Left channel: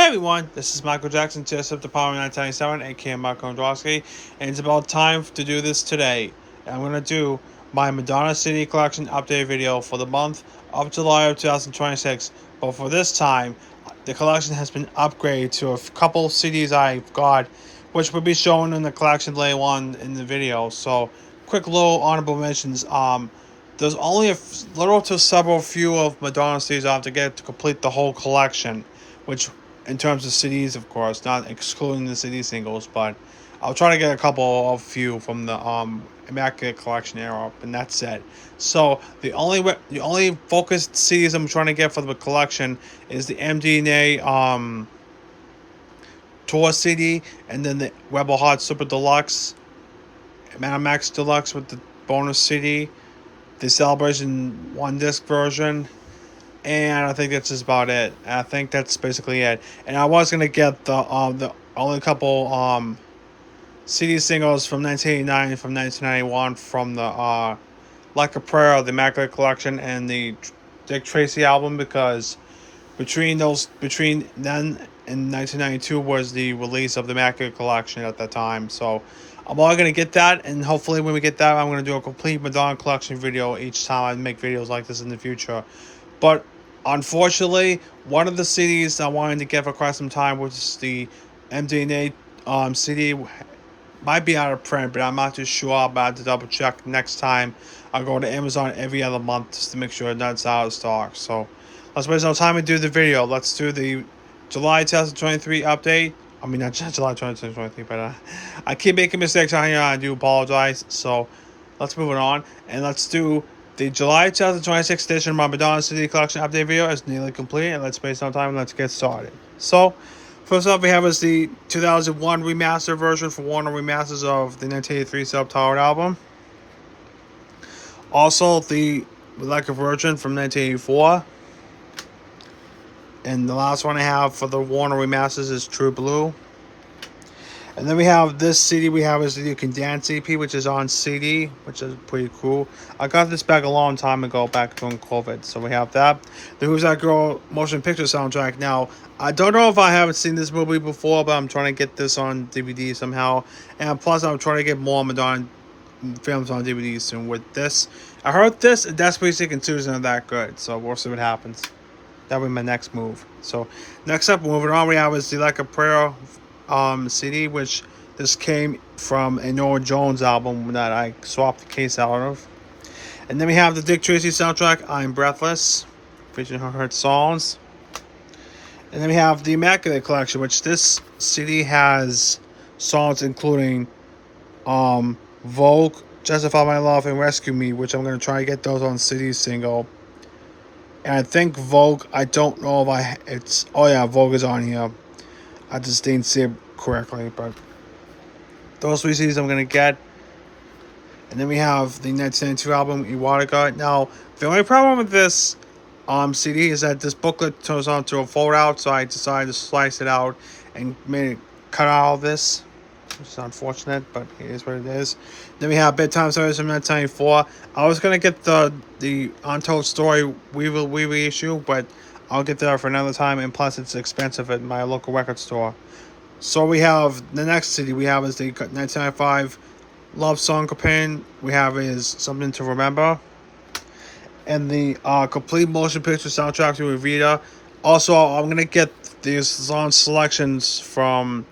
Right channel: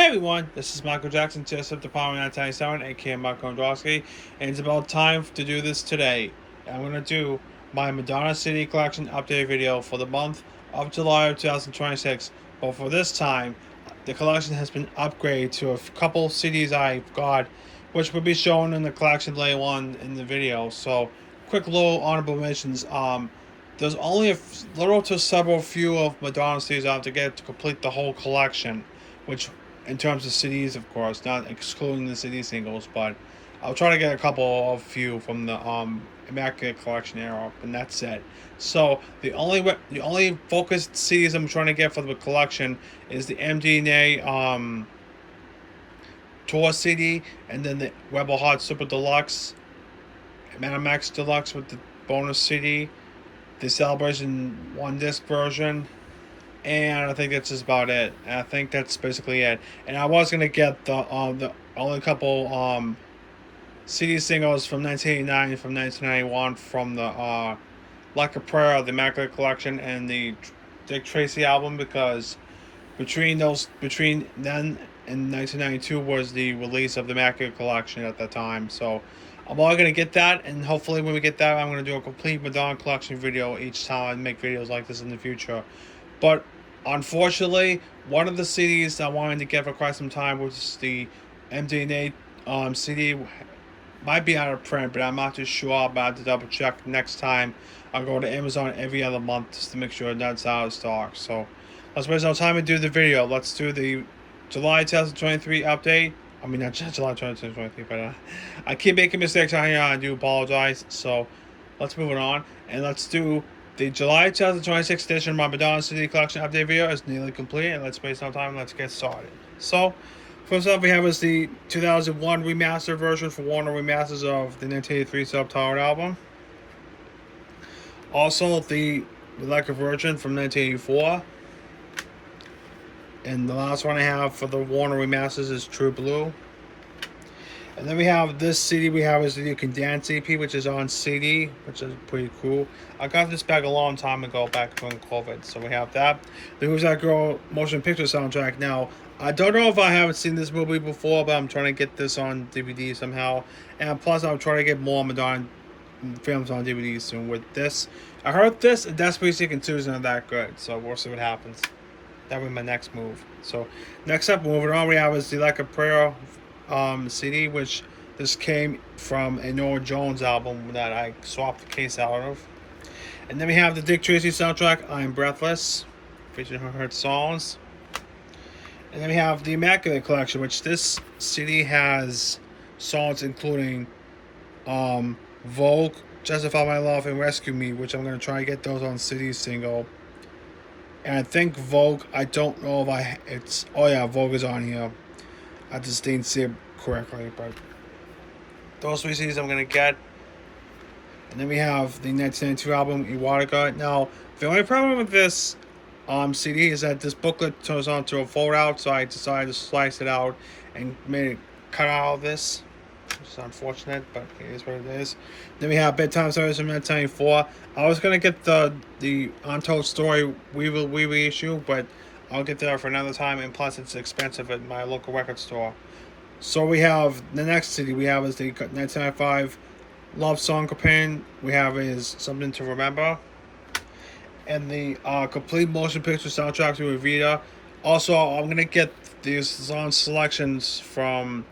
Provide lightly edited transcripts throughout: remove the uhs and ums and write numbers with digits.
Hey everyone, this is Michael Jackson, TSF Department 997, aka Michael Androsky, and it's about time to do this today. I'm going to do my Madonna CD Collection update video for the month of July of 2026. But for this time, the collection has been upgraded to a couple CDs I've got, which will be shown in the collection later on in the video. So, quick little honorable mentions. There's only a little to several few of Madonna CDs I have to get to complete the whole collection, which in terms of CDs, of course, not excluding the CD singles, but I'll try to get a couple of few from the Immaculate Collection era, and that's it. So the only focused CDs I'm trying to get for the collection is the MDNA Tour CD, and then the Rebel Heart Super Deluxe, Madam Max Deluxe with the bonus CD, the Celebration one disc version, and I think that's just about it. I think that's basically it. And I was gonna get the only couple CD singles from 1989 and from 1991 from the Like a Prayer, the Immaculate Collection, and the Dick Tracy album, because between then and 1992 was the release of the Immaculate Collection at that time. So I'm only gonna get that, and hopefully when we get that, I'm gonna do a complete Madonna Collection video each time I make videos like this in the future. But unfortunately, one of the CDs I wanted to get for quite some time was the MDNA CD. Might be out of print, but I'm not too sure. I'm about to double check next time. I'll go to Amazon every other month just to make sure that's out of stock. So let's waste no time and do the video. Let's do the July 2023 update. I mean, not July 2023, but I keep making mistakes on here. I do apologize. So let's move it on, and let's do the July 2026 edition of my Madonna CD Collection update video is nearly complete, and let's waste no time and let's get started. So, first up we have is the 2001 remastered version for Warner Remasters of the 1983 Subtitled album. Also, the Electric version from 1984. And the last one I have for the Warner Remasters is True Blue. And then we have this CD we have is the You Can Dance EP, which is on CD, which is pretty cool. I got this back a long time ago, back during COVID. So we have that. The Who's That Girl motion picture soundtrack. Now, I don't know if I haven't seen this movie before, but I'm trying to get this on DVD somehow. And plus, I'm trying to get more Madonna films on DVD soon with this. I heard this and Desperately Seeking 2 is not that good, so we'll see what happens. That'll be my next move. So, next up, moving on, we have is the Like a Prayer CD, which this came from a Norah Jones album that I swapped the case out of. And then we have the Dick Tracy soundtrack, I'm Breathless, featuring her songs. And then we have the Immaculate Collection, which this CD has songs including Vogue, Justify My Love, and Rescue Me, which I'm going to try to get those on CD single. And I think Vogue, I don't know if oh yeah, Vogue is on here. I just didn't see it correctly, but those three CDs I'm going to get. And then we have the 1992 album, Erotica. Now, the only problem with this CD is that this booklet turns on to a fold out, so I decided to slice it out and made it cut out all this. It's unfortunate, but it is what it is. Then we have Bedtime Stories from 1994. I was going to get the Untold Story reissue, but I'll get that for another time, and plus it's expensive at my local record store. So we have the next CD we have is the 1995 Love Song Companion. We have is Something to Remember. And the complete motion picture soundtrack to Evita. Also, I'm going to get these song selections from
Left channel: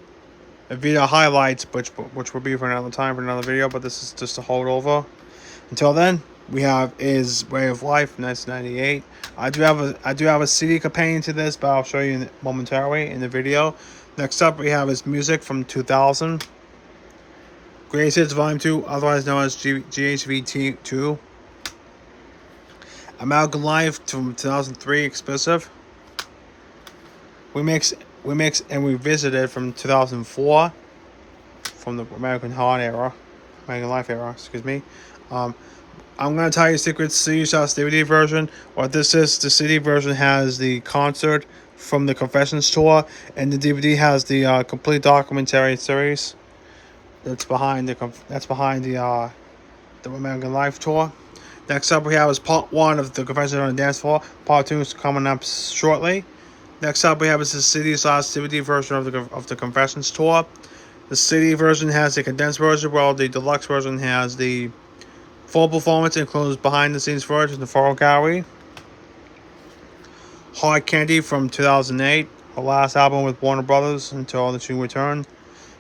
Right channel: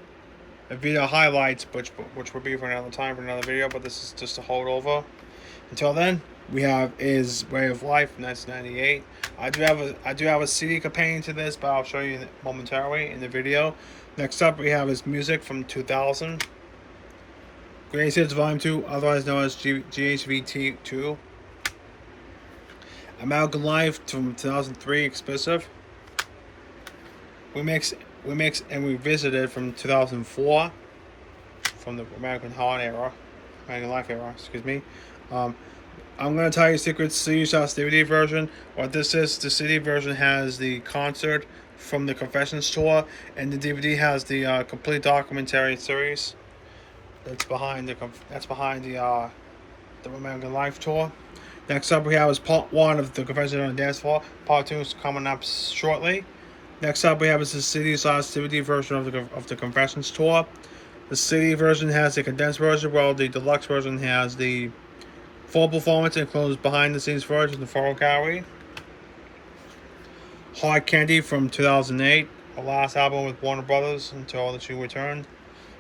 Evita Highlights, which will be for another time, for another video, but this is just a holdover. Until then, we have is Way of Life, 1998. I do have a CD companion to this, but I'll show you momentarily in the video. Next up, we have is Music from 2000. Greatest Hits Volume 2, otherwise known as GHVT2. American Life from 2003, exclusive. We mix and Revisited from 2004, from the American Life era, excuse me. I'm going to tell you a secret. CD Shots DVD version. What this is, the CD version has the concert from the Confessions tour, and the DVD has the complete documentary series that's behind the American Life tour. Next up we have is part 1 of the Confessions on the Dance Floor. Part 2 is coming up shortly. Next up, we have is the City's Last DVD version of the Confessions tour. The City version has the condensed version, while the deluxe version has the full performance, includes behind the scenes footage and the photo gallery. Hard Candy from 2008, the last album with Warner Brothers until the two returned.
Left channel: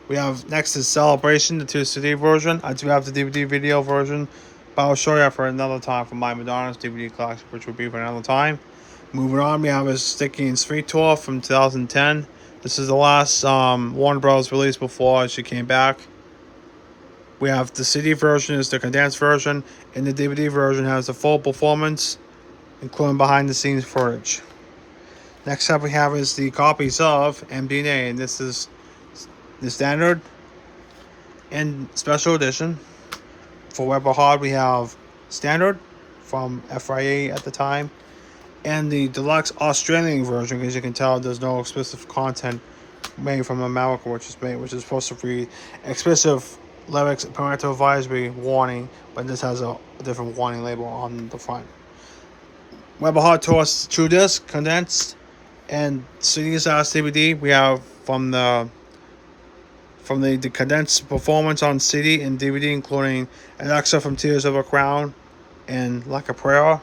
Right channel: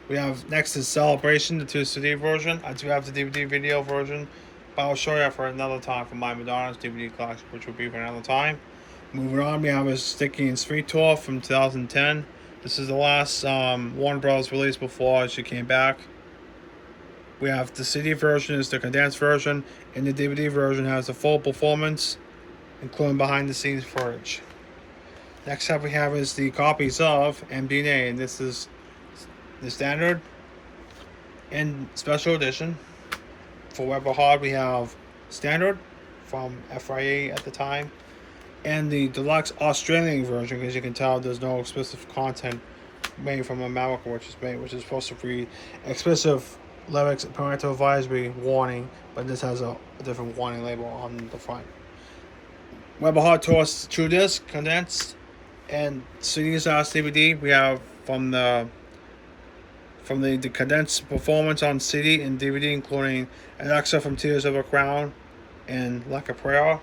We have next is Celebration, the 2 CD version. I do have the DVD video version, but I'll show you for another time for my Madonna's DVD collection, which will be for another time. Moving on, we have a Sticky and Sweet tour from 2010. This is the last Warner Bros. Release before she came back. We have the CD version is the condensed version, and the DVD version has the full performance, including behind the scenes footage. Next up we have is the copies of MDNA, and this is the standard and special edition. For Weber Hard we have standard from FIA at the time, and the deluxe Australian version, because you can tell there's no explicit content made from America, which is supposed to read explicit lyrics, parental advisory, warning, but this has a different warning label on the front. Weber Hard Tour True Disc condensed and CD's DVD. We have from the condensed performance on CD and DVD, including an extra from Tears of a Crown and Like a Prayer.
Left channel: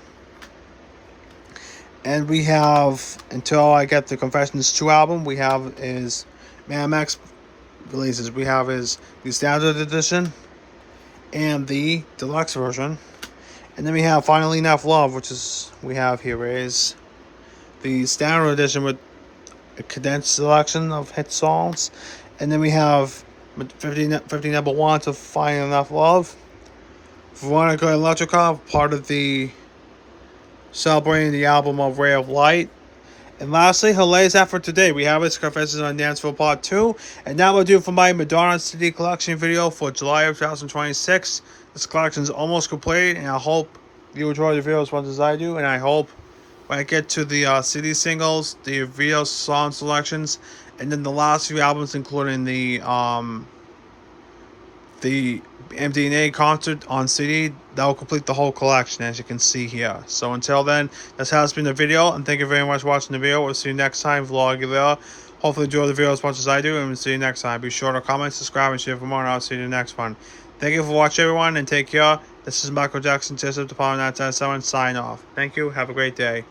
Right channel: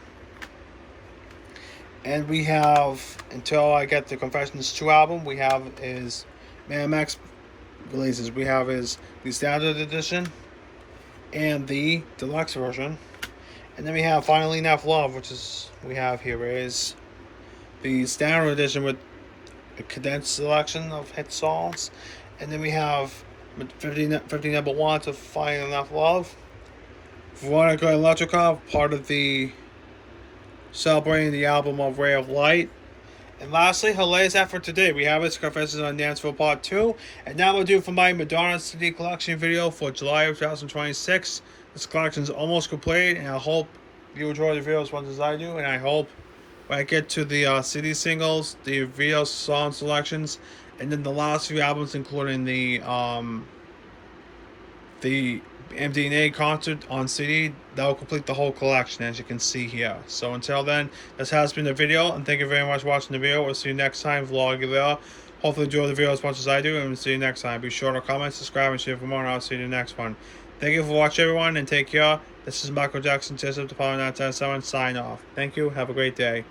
And we have, until I get the Confessions 2 album, we have is Mad Max releases. We have is the standard edition and the deluxe version. And then we have Finally Enough Love, which is, we have here is the standard edition with a condensed selection of hit songs. And then we have 50 number ones of Finally Enough Love. Veronica and Electrica, part of the celebrating the album of Ray of Light. And lastly, her latest effort today, we have its Confessions on Dance Floor Part 2. And that will do for my Madonna CD collection video for July of 2026. This collection is almost complete, and I hope you enjoy the video as much as I do. And I hope when I get to the CD singles, the video song selections, and then the last few albums, including the MDNA concert on CD, that will complete the whole collection, as you can see here. So until then, this has been the video, and thank you very much for watching the video. We'll see you next time, vlog there. Hopefully enjoy the video as much as I do, and we'll see you next time. Be sure to comment, subscribe, and share for more, and I'll see you in the next one. Thank you for watching, everyone, and take care. This is Michael Jackson, Jessup, the Power 977, sign off. Thank you. Have a great day.